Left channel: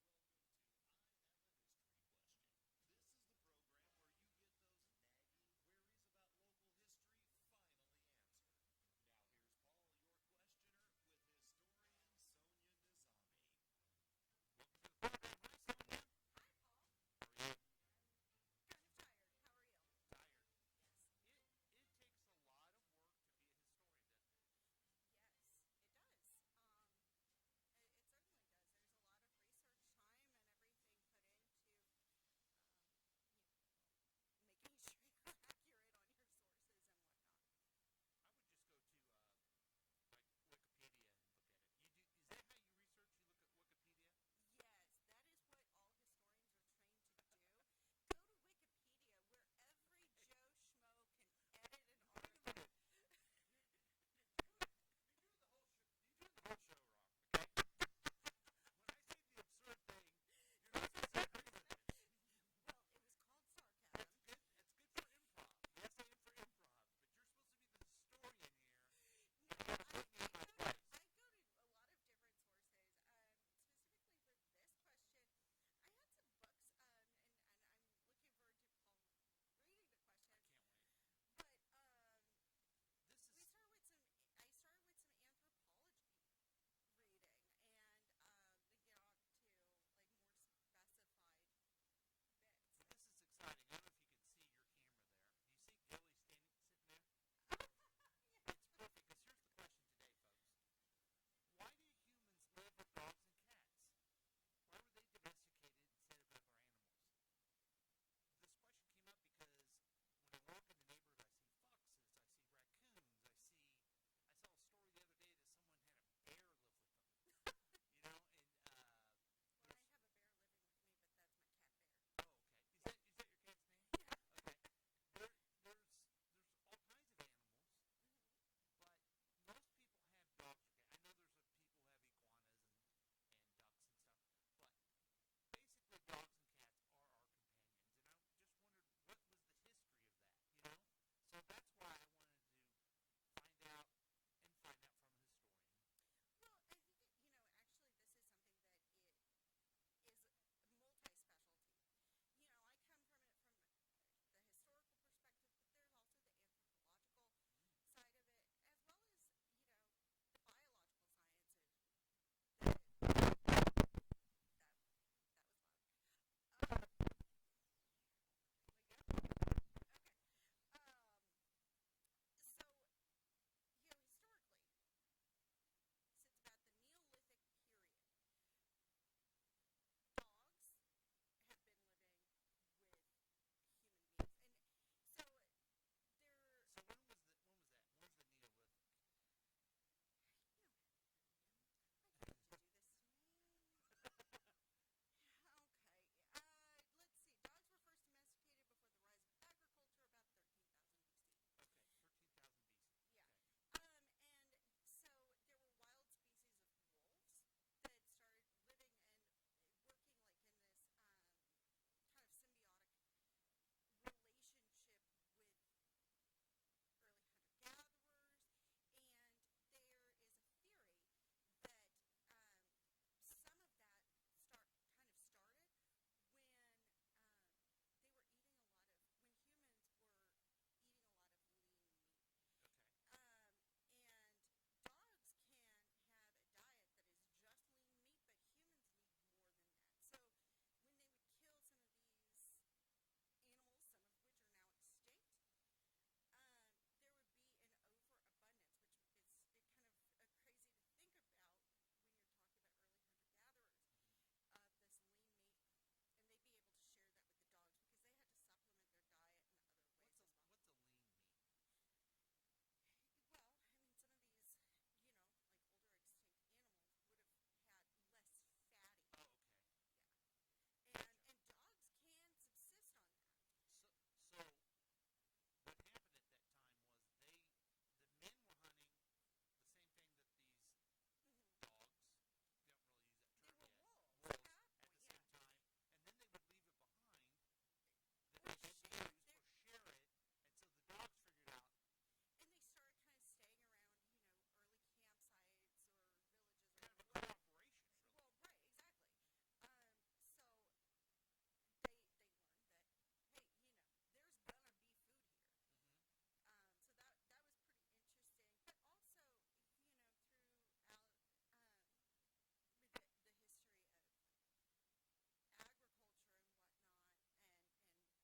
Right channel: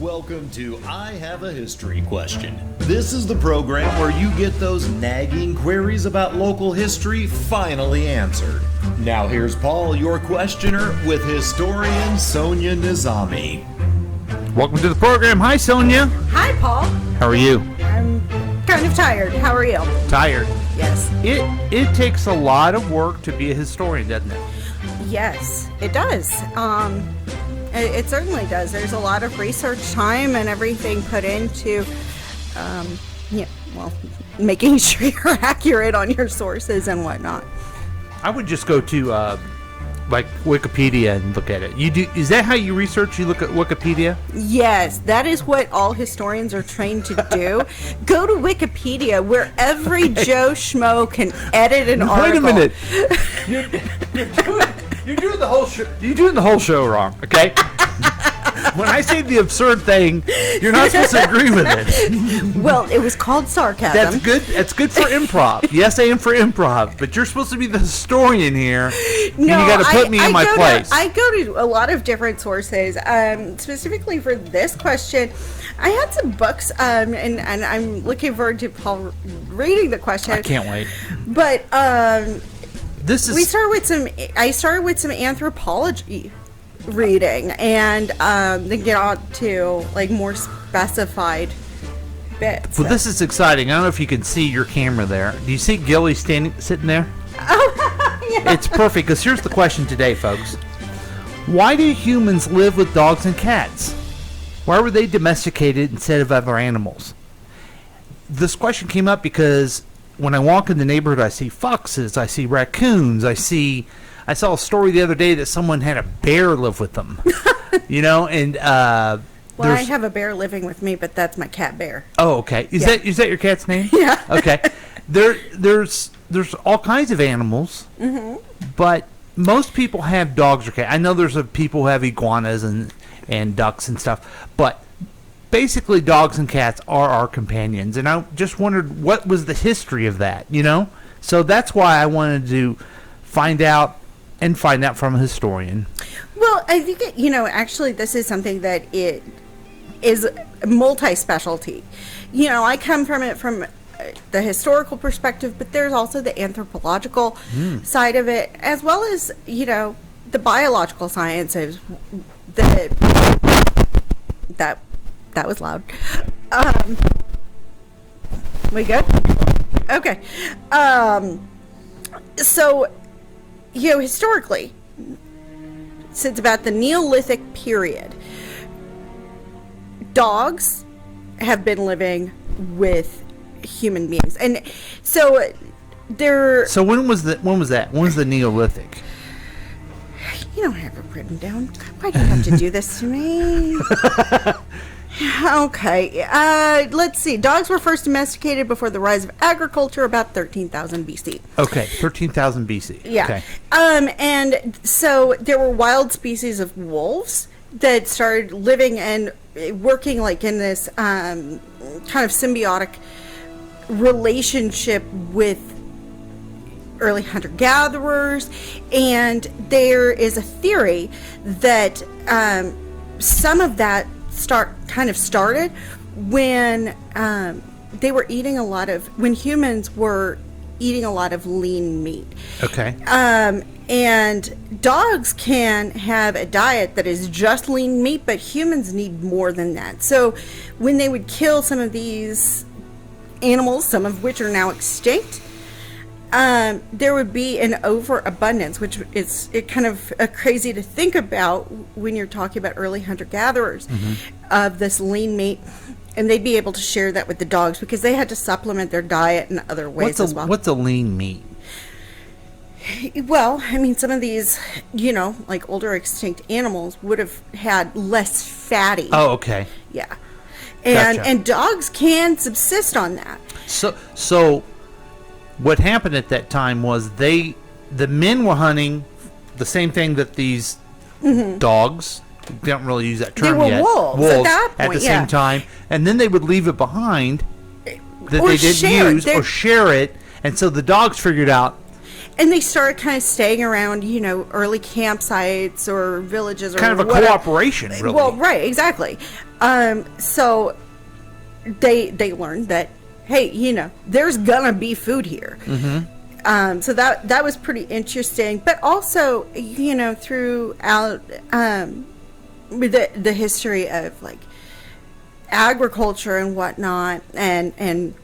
Welcome to I Have a History Question. This is the program where you get those nagging queries about local history finally answered. Now here's Paul, your questioner, with historian Sonia Nizami. Welcome to the program. Hi, Sonia. Hi, Paul. How are you? I'm kind of tired. How are you? Tired. Yes. It takes a lot of work to be a historian, doesn't it? Yes, it does. It certainly does. There's a lot of research time and everything put into, making sure you're accurate on your sources and whatnot. I would just go to like Wikipedia and look at it. You do? Is that how you research? You look at Wikipedia? Yes, that is what all historians are trained to do. Go to Wikipedia, where every Joe Schmo can edit an article. Wait a minute. You're doing the whole show. You're doing the whole show wrong. Okay. When I say the absurd thing, you're not supposed to agree with it. Well, it was called sarcasm. That's good. That's good for improv. Yes, I am for improv, but you're supposed to be the historian here. No, and you got to put me in my place. I go to a lot of different sources. Specifically for this question, I had some books, and I'm looking forward to Paul reading the question. I can't wait. But I started with some anthropology reading, and then get on to like more specified bits. Well, this is exciting. I don't know if you can see your camera there. Do you see Gilly sitting there? Oh, yeah. It's perfect, because here's the question today, folks. Why do humans live with dogs and cats? Why were they domesticated instead of other animals? This question came up because when I walk in the neighborhood, I see foxes, I see raccoons, I saw a story the other day that someone had a bear live with them. And well, I have a bear living with me, but that's my cat Bear. Oh, okay. Is that your cat's name? Yeah. Okay. There's all kinds of animals, but most people have dogs or cats. I know there's people who have iguanas and ducks and stuff, but basically dogs and cats are our companions. And I just wondered, what was the history of that, So that's why I wanted to find out from a historian. Well, I think actually this is something that it is multi-specialty. I come from it from the historical perspective, but there's also the anthropological side of it, as well as the biological sciences. That was loud. We good? Okay. So, historically, since about the Neolithic period, dogs have been living with human beings, and so they're. So when was that? When was the Neolithic? You don't have it written down. Why do you have to do this to me? Okay, let's see. Dogs were first domesticated before the rise of agriculture, about 13,000 BC. Okay, 13,000 BC. Yeah. Okay. And so there were wild species of wolves that started living and working like in this kind of symbiotic relationship with early hunter-gatherers, and there is a theory that some of that started when when humans were eating a lot of lean meat. Okay. And dogs can have a diet that is just lean meat, but humans need more than that. So when they would kill some of these animals, some of which are now extinct, there would be an overabundance, which is kind of crazy to think about when you're talking about early hunter-gatherers of this lean meat, and they'd be able to share that with the dogs because they had to supplement their diet in other ways as well. What's a lean meat? Well, I mean, some of these, like older extinct animals would have had less fatty. Oh, okay. Yeah. Gotcha. And dogs can subsist on that. So what happened at that time was the men were hunting the same thing that these dogs, don't really use that term yet. They were wolves at that point, at the same time, and then they would leave it behind that they didn't use or share it, and so the dogs figured out and they started kind of staying around, early campsites or villages or kind of a whatever. cooperation, really. Well, right, exactly. So they learned that, hey, there's gonna be food here. So that was pretty interesting. But also, throughout the history of like agriculture and whatnot, and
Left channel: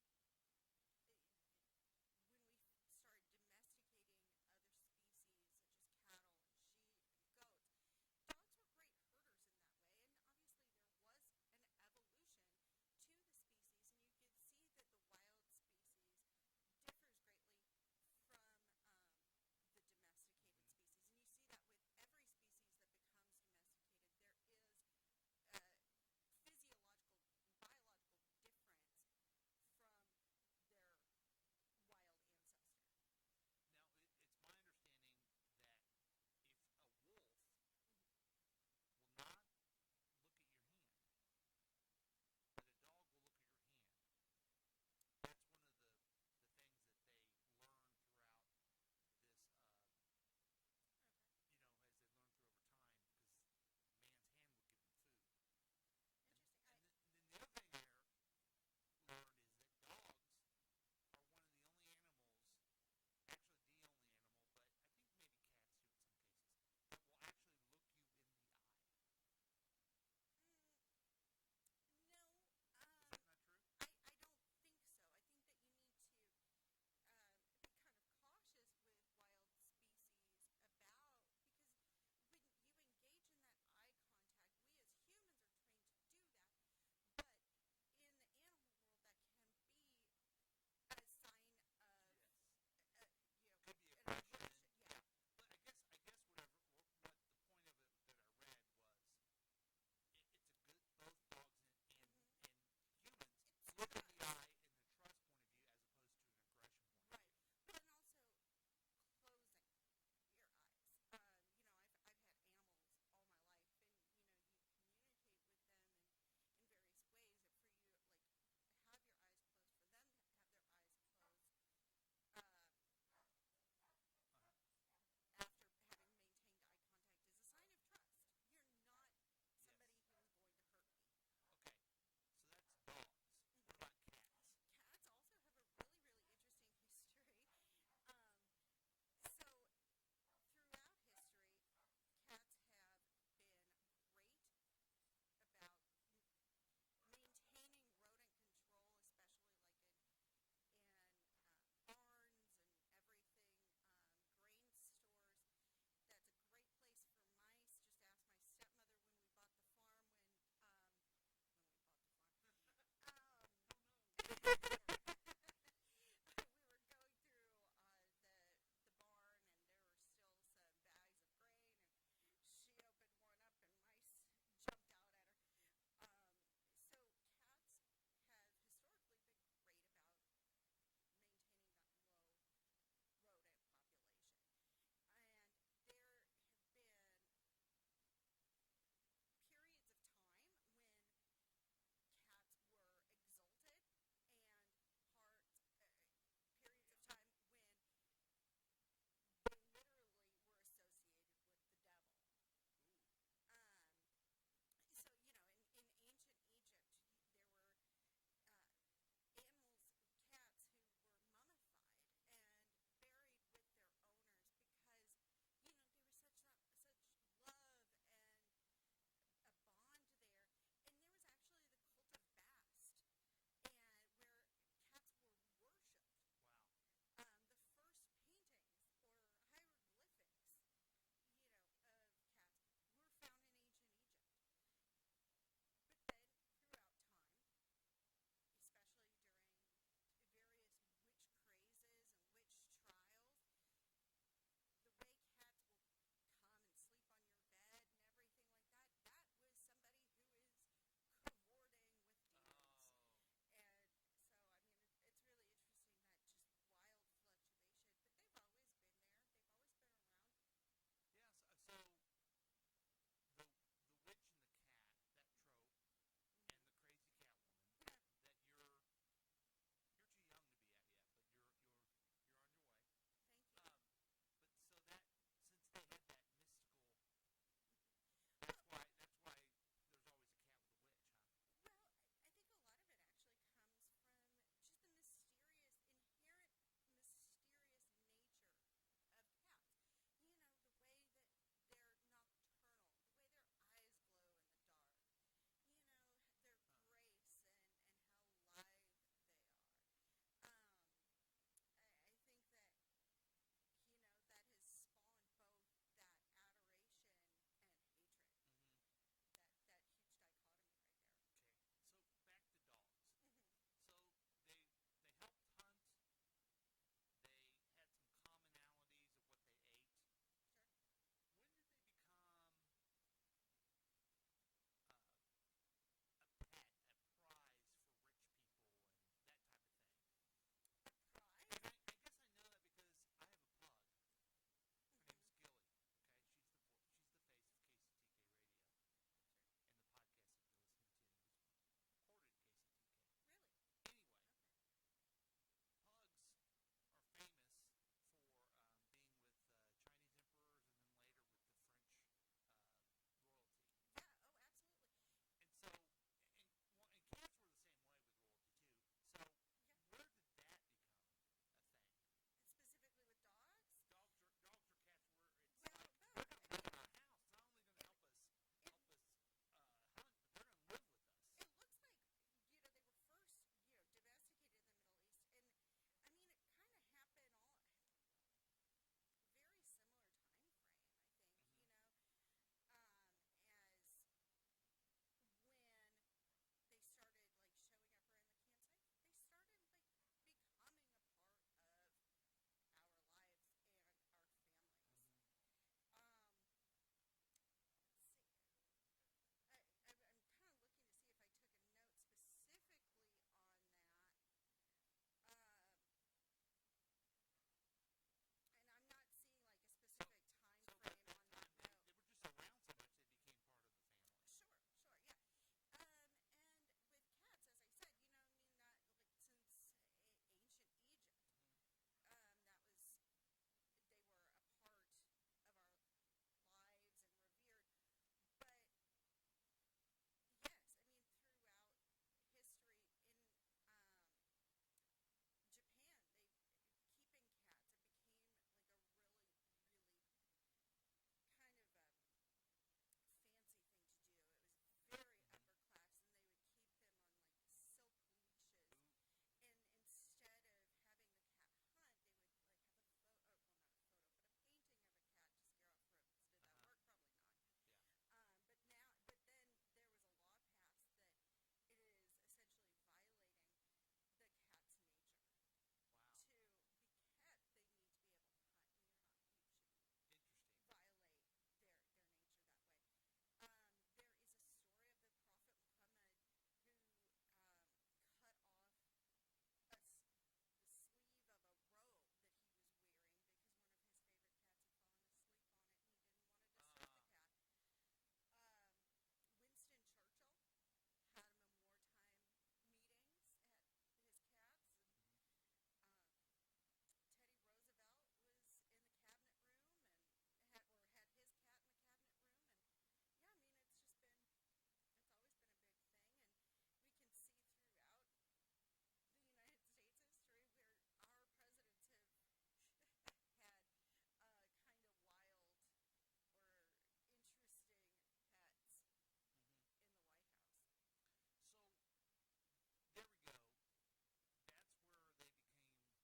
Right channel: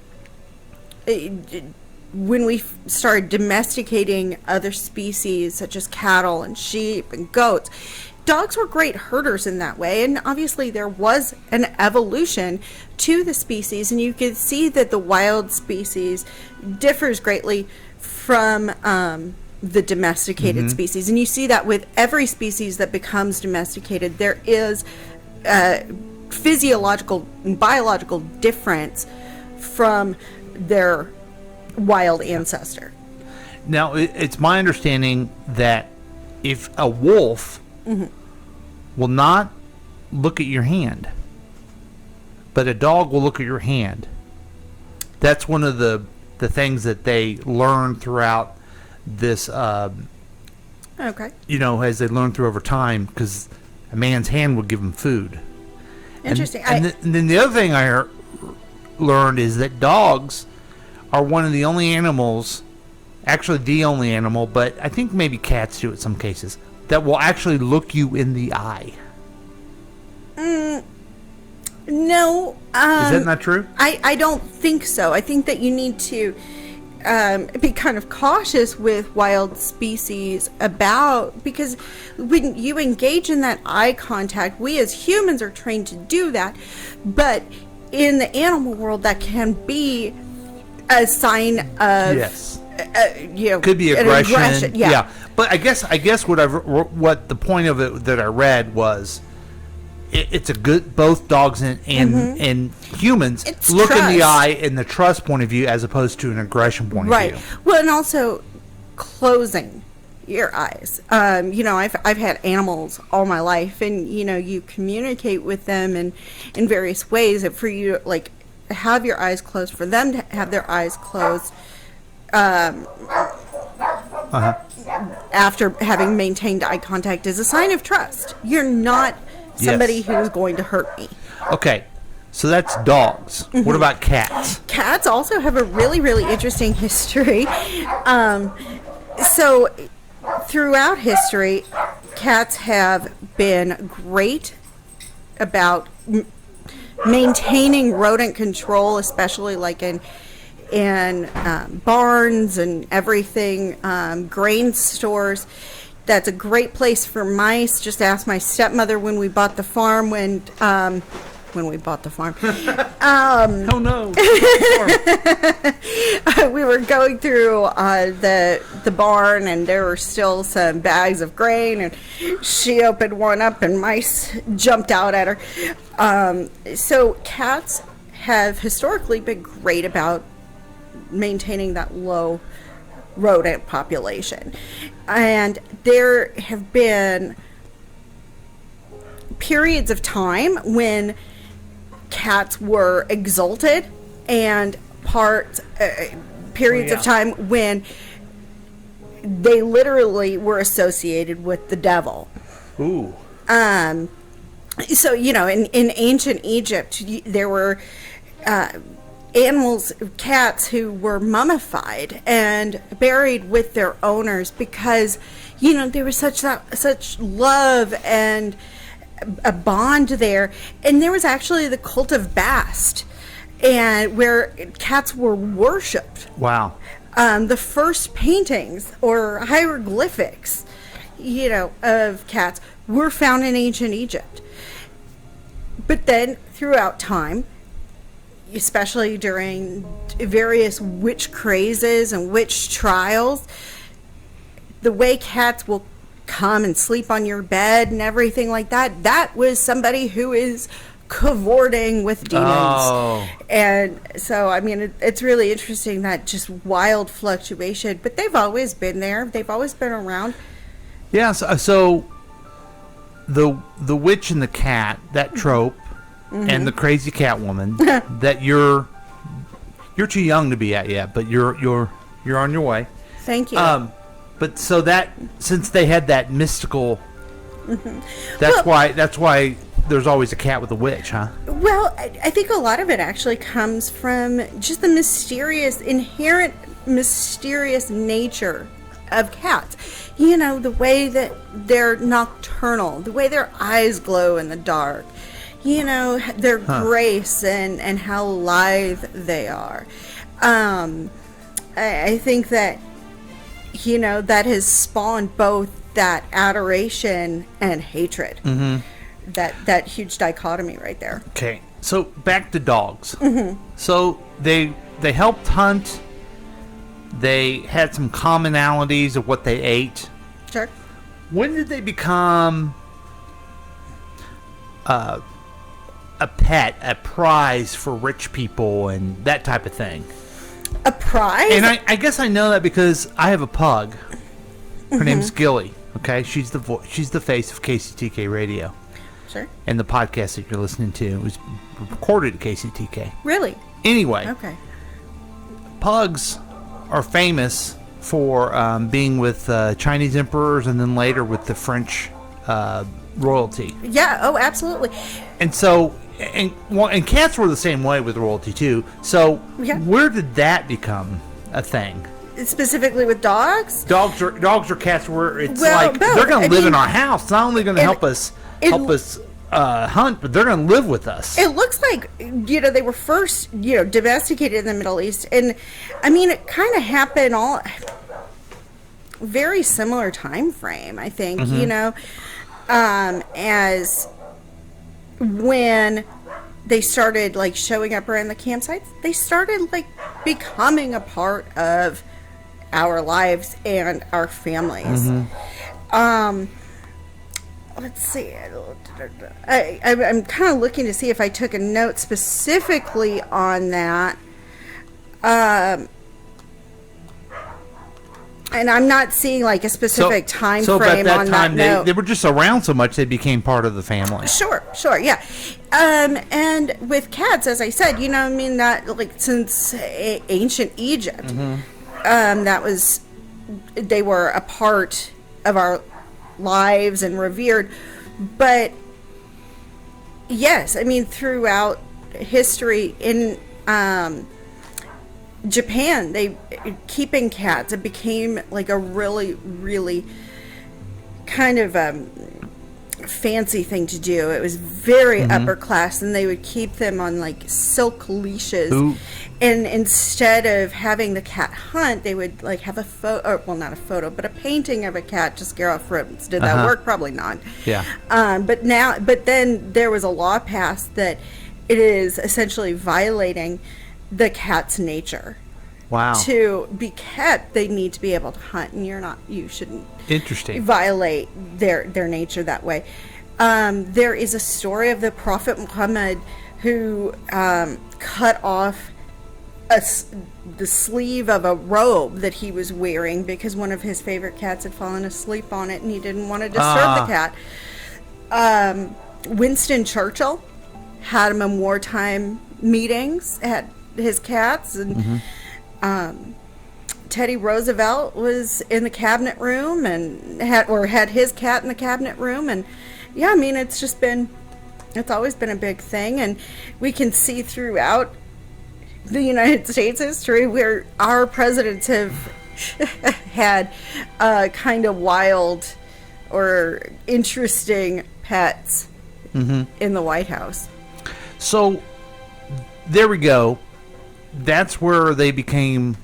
when we started domesticating other species such as cattle and sheep and goats, dogs were great herders in that way. And obviously there was an evolution to the species, and you can see that the wild species differs greatly from the domesticated species. And you see that with every species that becomes domesticated, there is physiological and biological difference from their wild ancestor. Now, it's my understanding that if a wolf will not look at your hand, but a dog will look at your hand, that's one of the things that they learn throughout this, Okay. as they learn through over time, because a man's hand will give him food. Interesting. And then the other thing I learned is that dogs are one of the only animals, actually the only animal, but I think maybe cats do it in some cases, that will actually look you in the eye. No. Is that not true? I don't think so. I think that you need to be kind of cautious with wild species because when you engage in that eye contact, we as humans are trained to do that, but in the animal world that can be a sign of Yes. Could be aggression. Yeah. But I guess what the point of it that I read was it's a good, both dogs and humans It's look in the trust. eye in the trust point of view as opposed to an aggression point of view. Well, and also closing your eyes. I've had animals all my life, and you communicate with them in various ways. And for you to like have your eyes closed, for them to have their eyes closed, after having maintained eye contact is a sign of trust. You're not somebody Yes. who's going to hurt me. Okay, so that's dogs. What about cats? Cats also have a really, really interesting history. So throughout history, cats have been great about maintaining rodent control, especially like in barns and everything, grain stores. That's a great place for mice. Just ask my stepmother when we bought the farm. When we bought the farm, Oh no! we were going through the barn, and there were still some bags of grain, and she opened one up, and mice jumped out at her. So cats have historically been great about maintaining that low rodent population, and there have been periods of time when cats were exalted, and periods of time when they literally were associated with the devil. Ooh. So in ancient Egypt, there were animals, cats, who were mummified and buried with their owners because there was such love and a bond there. And there was actually the cult of Bast, and where cats were worshipped. Wow. The first paintings or hieroglyphics of cats were found in ancient Egypt. But then throughout time, especially during various witch crazes and witch trials, the way cats will come and sleep on your bed and everything like that was somebody who is cavorting with demons. Oh. And so, it's really interesting, that just wild fluctuation. But they've always been there. They've always been around. Yeah. So the witch and the cat, that trope, and the crazy cat woman that you're too young to be at yet, but you're on your way. Thank you. But so that since they had that mystical, Mm-hmm. that's why there's always a cat with a witch, huh? Well, I think a lot of it actually comes from just the inherent mysterious nature of cats. You know, the way that they're nocturnal, the way their eyes glow in the dark, you know, their grace and how lithe they are. I think that, you know, that has spawned both that adoration and hatred. Mm-hmm. That huge dichotomy right there. Okay, so back to dogs. Mm-hmm. So they helped hunt. They had some commonalities of what they ate. Sure. When did they become a pet, a prize for rich people and that type of thing? A prize? And I guess I know that because I have a pug. Her name's Gilly. Okay, she's the face of KCTK Radio. Sure. And the podcast that you're listening to was recorded at KCTK. Really? Anyway, Okay. pugs are famous for being with Chinese emperors and then later with the French royalty. Yeah. Oh, absolutely. And so, and cats were the same way with royalty too. So, Yeah. where did that become a thing? Specifically with dogs? Dogs or cats where it's Well, like both. they're going I to live in mean, our house. Not only going to help us hunt, but they're going to live with us. It looks like, you know, they were first, you know, domesticated in the Middle East. And, I mean, it kind of happened all very similar time frame, I think, Mm-hmm. you know, as when they started, like, showing up around the campsites, they started, like, becoming a part of our lives and our families. Mm-hmm. Let's see. I'm kind of looking to see if I took a note specifically on that. And I'm not seeing like a specific time so frame at that on time, that note. they were just around so much they became part of the family. Sure, yeah. And with cats, as I said, you know, I mean, that like since ancient Egypt, that was, they were a part of our lives and revered. But yes, I mean, throughout history in Japan, they keeping cats, it became like a really, really kind of fancy thing to do. It was very upper class, and they would keep them on like silk leashes. Ooh. And instead of having the cat hunt, they would like have a photo, or well, not a photo, but a painting of a cat to scare off rodents. Did that work? Probably not. Yeah. But then there was a law passed that it is essentially violating the cat's nature. Wow. To be kept, they need to be able to hunt, and you shouldn't Interesting. violate their nature that way. There is a story of the Prophet Muhammad who cut off the sleeve of a robe that he was wearing because one of his favorite cats had fallen asleep on it, and he didn't want to disturb the cat. Winston Churchill had him in wartime meetings, had his cats, and Teddy Roosevelt was in the cabinet room and had his cat in the cabinet room. And yeah, I mean, it's always been a big thing, and we can see throughout the United States history where our presidents have had kind of wild or interesting pets in the White House. So there we go. That's where they became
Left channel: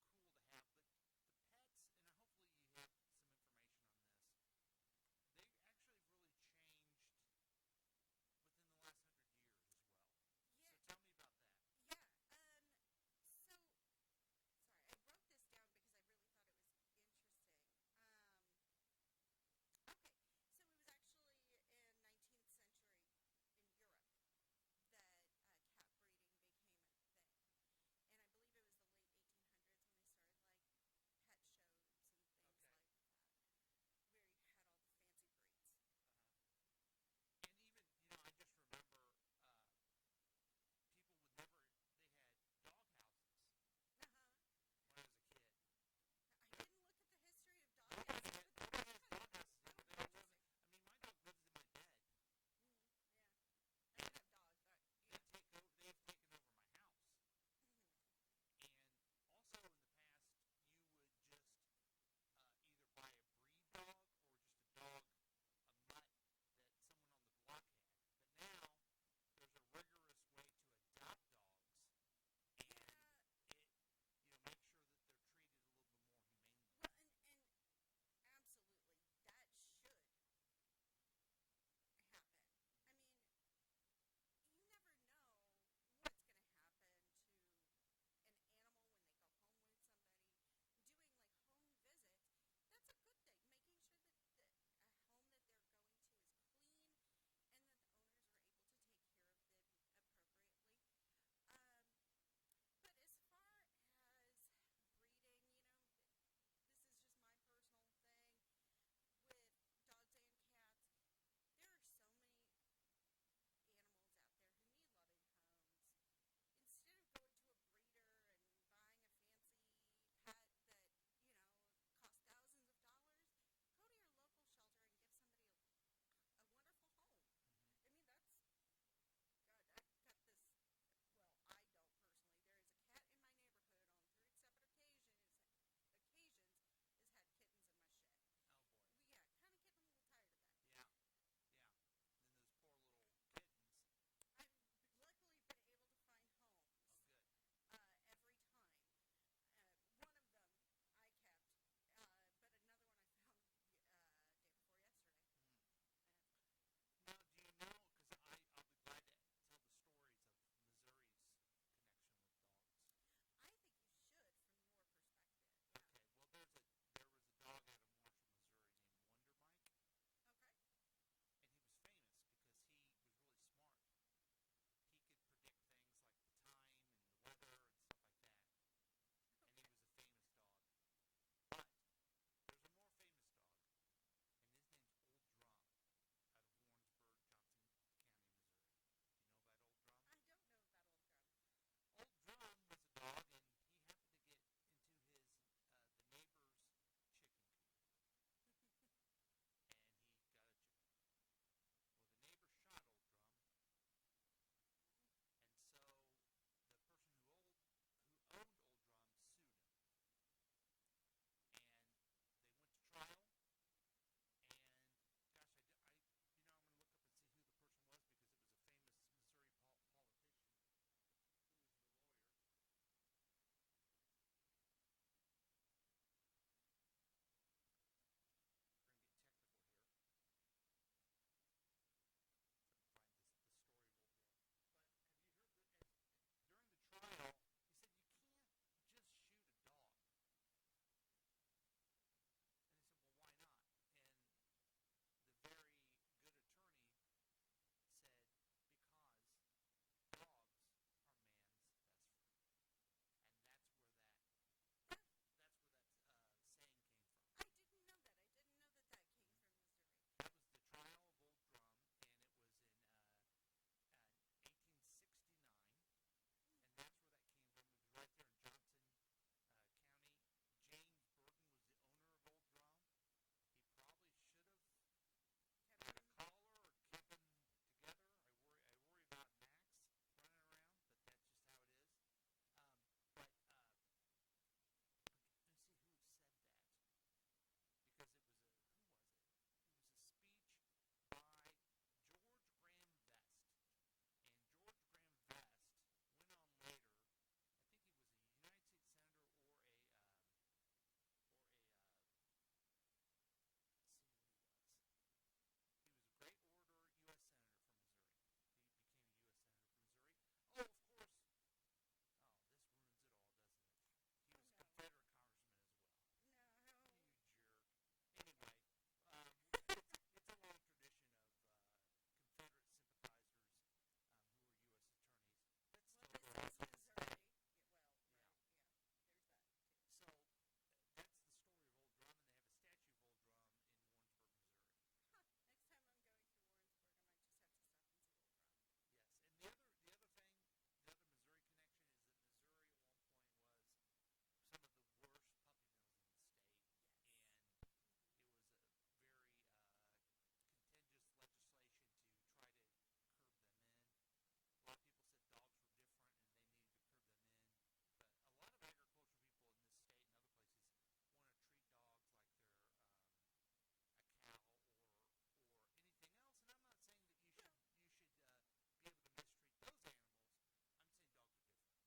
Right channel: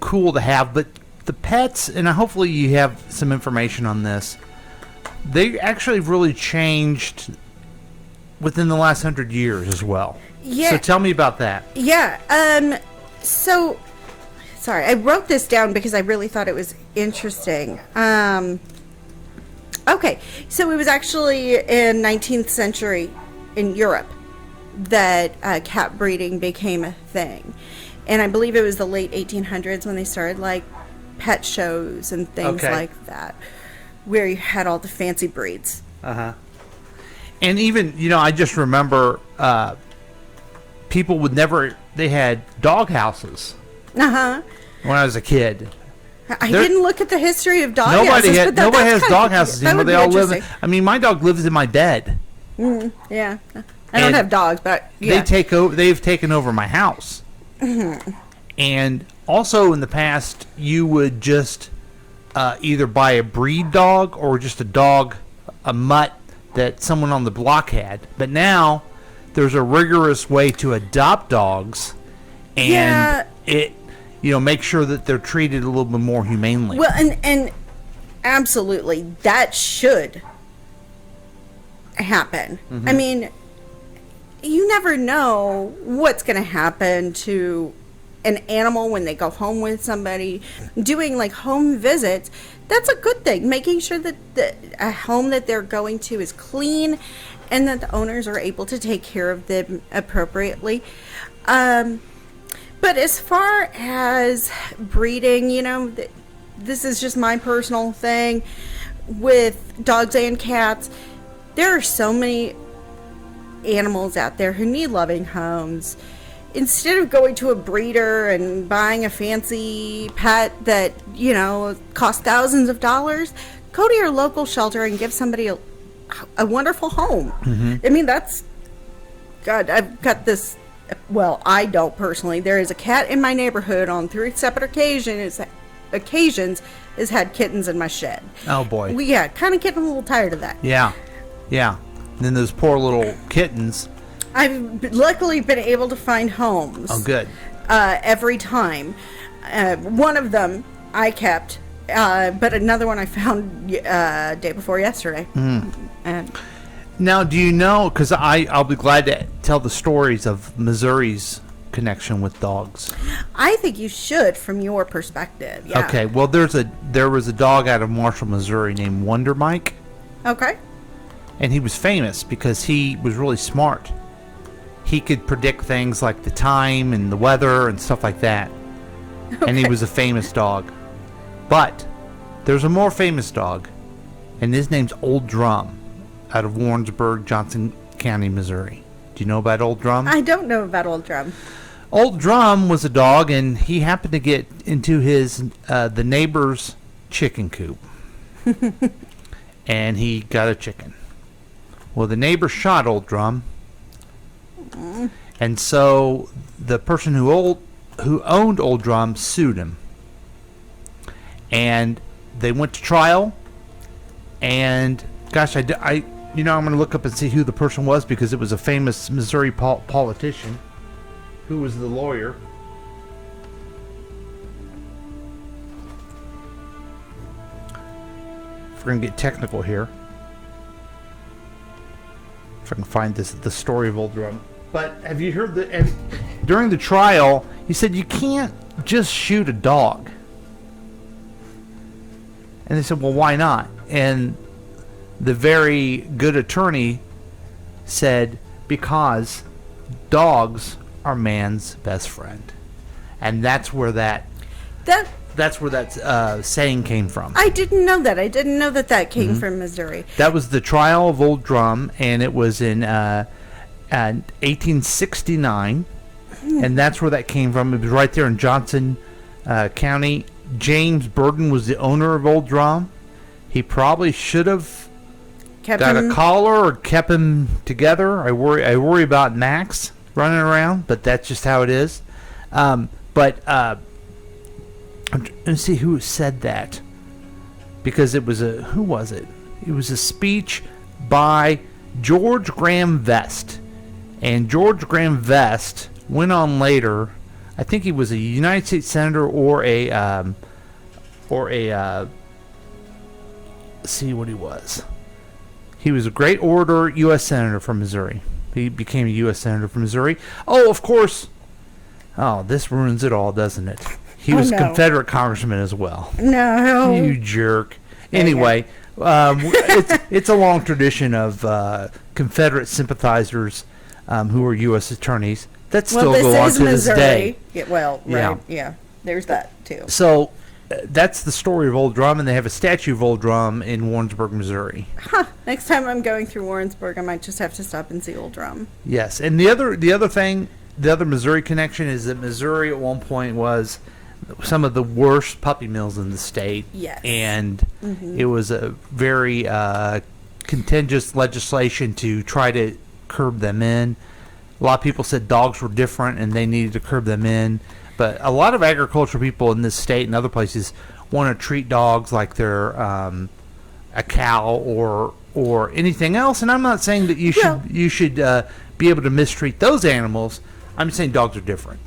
cool to have. But the pets, and hopefully you have some information on this, they actually really changed within the last 100 years as well. Yeah. So tell me about that. Yeah. So, sorry, I wrote this down because I really thought it was interesting. Okay. So it was actually in 19th century in Europe that cat breeding became a thing. And I believe it was the late 1800s when they started like pet shows and things like that, where you had all the fancy breeds. And even, I just remember people they had dog houses when I was a kid. I didn't look at the history of dog nobody houses. nobody has dog houses that anymore. would They be all live. interesting. I mean, my dog lives in my bed. Yeah, I don't And have dogs, but yeah. They've taken over my house. And also in the past, you would just either buy a breed dog or just a dog, a mutt that someone on the block had. But now there's a rigorous way to adopt dogs, and make sure that they're treated a little bit more humanely. Well, and absolutely, that should happen. I mean, you never know what's going to happen to an animal when they go home with somebody. Doing like home visits, that's a good thing. Making sure that a home that they're going to is clean and that the owners are able to take care of them appropriately. But as far as breeding, this is just my personal thing with dogs and cats. There are so many animals out there who need loving homes. Instead of going to a breeder and buying a fancy pet that, costs thousands of dollars, go to your local shelter and give somebody a wonderful home. I mean, God, I've got this, well, I don't personally. There is a cat in my neighborhood on 3 separate occasions has had kittens in my shed. Oh, boy. Kind of getting a little tired of that. Yeah. And then those poor little kittens. I've luckily been able to find homes. Oh, good. Every time. One of them I kept, but another one I found day before yesterday. And now, do you know, because I'll be glad to tell the stories of Missouri's connection with dogs. I think you should, from your perspective. Yeah. Okay, well, there was a dog out of Marshall, Missouri named Wonder Mike. Okay. And he was famous because he was really smart. He could predict things like the time and the weather and stuff like that. Okay. And he was a famous dog. But there's a more famous dog, and his name's Old Drum, out of Warrensburg, Johnson County, Missouri. Do you know about Old Drum? I don't know about Old Drum. Old Drum was a dog, and he happened to get into the neighbor's chicken coop. And he got a chicken. Well, the neighbor shot Old Drum. And so the person who owned Old Drum sued him. And they went to trial. And gosh, I'm going to look up and see who the person was, because it was a famous Missouri politician who was the lawyer. If we're going to get technical here. If I can find the story of Old Drum. But have you heard during the trial, he said you can't just shoot a dog. And they said, well, why not? And the very good attorney said, because dogs are man's best friend. And that's where that saying came from. I didn't know that. I didn't know that came from Missouri. That was the trial of Old Drum, and it was in 1869, and that's where that came from. It was right there in Johnson County. James Burden was the owner of Old Drum. He probably should have got a collar or kept him together. I worry about Max running around, but that's just how it is. Let's see who said that, because it was who was it? It was a speech by George Graham Vest, and George Graham Vest went on later. I think he was a United States senator or a let's see what he was. He was a great orator, U.S. senator from Missouri. He became a U.S. senator from Missouri. Oh, of course. Oh, this ruins it all, doesn't it? He was a Confederate congressman as well. No. You jerk. Anyway, it's a long tradition of Confederate sympathizers who are U.S. attorneys that still go on to this day. Yeah, well, right. Yeah. There's that, too. So that's the story of Old Drum, and they have a statue of Old Drum in Warrensburg, Missouri. Huh. Next time I'm going through Warrensburg, I might just have to stop and see Old Drum. Yes, and the other thing, the other Missouri connection is that Missouri at one point was some of the worst puppy mills in the state. Yes. And it was a very contentious legislation to try to curb them in. A lot of people said dogs were different and they needed to curb them in. But a lot of agricultural people in this state and other places want to treat dogs like they're a cow or anything else. And I'm not saying that you should be able to mistreat those animals. I'm just saying dogs are different.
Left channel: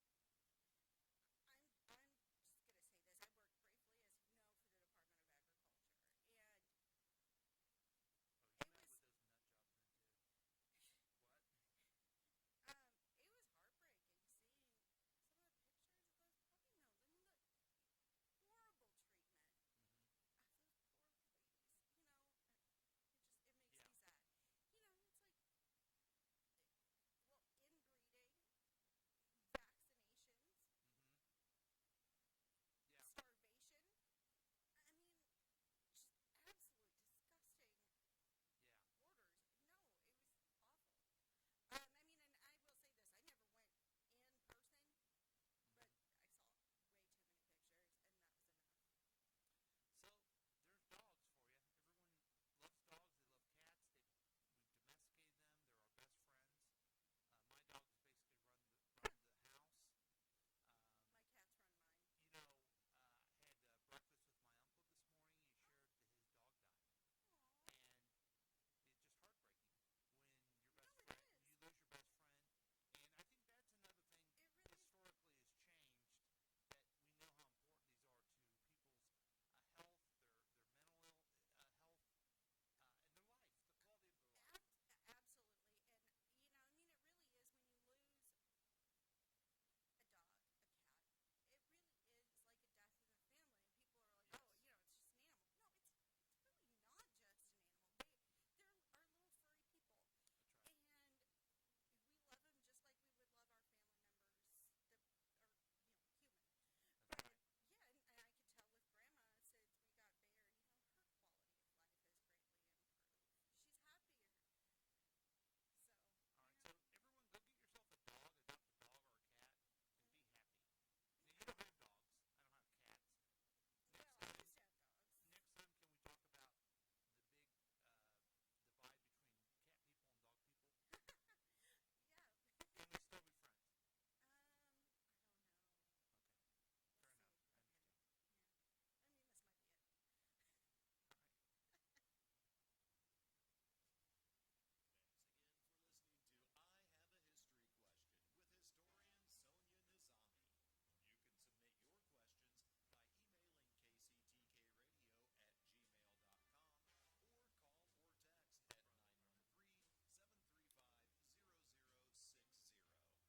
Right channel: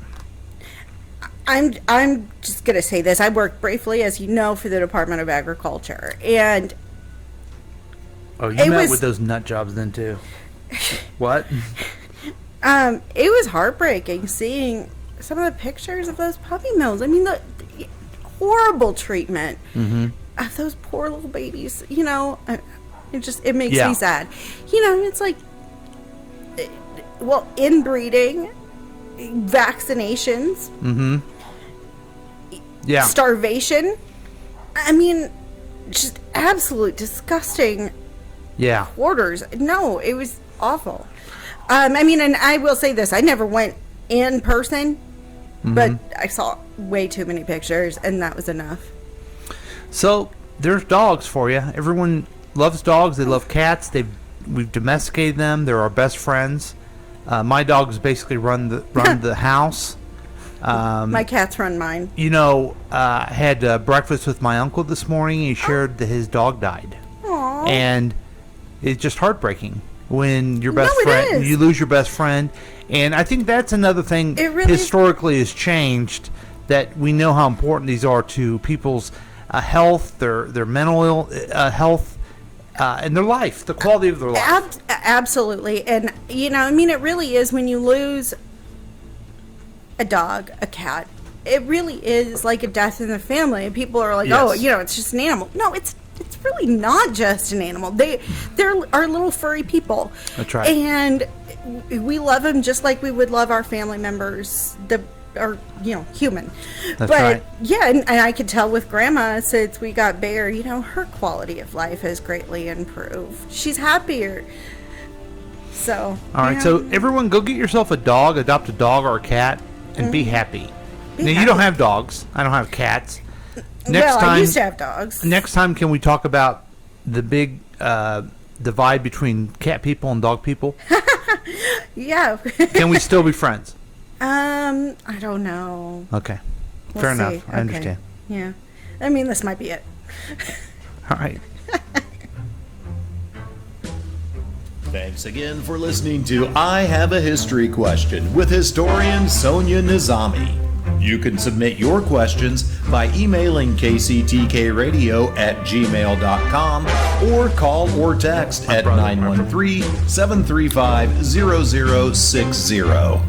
I'm just gonna say this. I work briefly, as you know, for the Department of Agriculture, and you met with those nut jobs then too. What? It was heartbreaking seeing some of the pictures of those puppy mills. I mean, the horrible treatment of those poor little babies. You know, it makes me sad. You know, it's like, well, inbreeding, vaccinations, starvation. I mean, just absolute disgusting. Quarters. No, it was awful. I mean, and I will say this: I never went in person, but I saw way too many pictures, and that was enough. So there's dogs for you. Everyone loves dogs. They love cats. We've domesticated them. They're our best friends. My dogs basically run the house. My cats run mine. You know, I had breakfast with my uncle this morning. He shared that his dog died. Aww. And it's just heartbreaking when your best friend, you lose your best friend. And I think that's another thing historically has changed, that we know how important these are to people's health, their mental health, and their life, the quality of their life. Absolutely. And, you know, I mean, it really is when you lose a dog, a cat, it really is like a death in the family. And people are like, oh, you know, it's just an animal. No, it's really not just an animal. They're our little furry people. That's right. And we love them just like we would love our family members, human. That's right. Yeah, and I could tell with Grandma, since we got Bear, you know, her quality of life has greatly improved. She's happier. So. All right, so everyone go get yourself a dog, adopt a dog or a cat, and be happy. You don't have dogs. I don't have cats. I used to have dogs. Next time, can we talk about the big divide between cat people and dog people? Yeah. Can we still be friends? I don't know. Okay. Fair enough. I understand. Yeah. I mean, this might be it. All right. Thanks again for listening to I Have a History Question with historian Sonia Nizami. You can submit your questions by emailing kctkradio@gmail.com or call or text at 913-735-0060.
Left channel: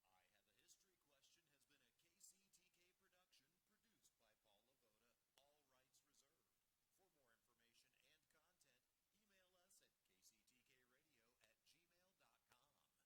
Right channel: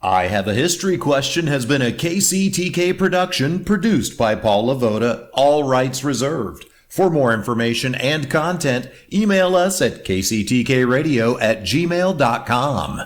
I Have a History Question has been a KCTK production produced by Paul Lavoda, all rights reserved. For more information and content, email us at kctkradio@gmail.com.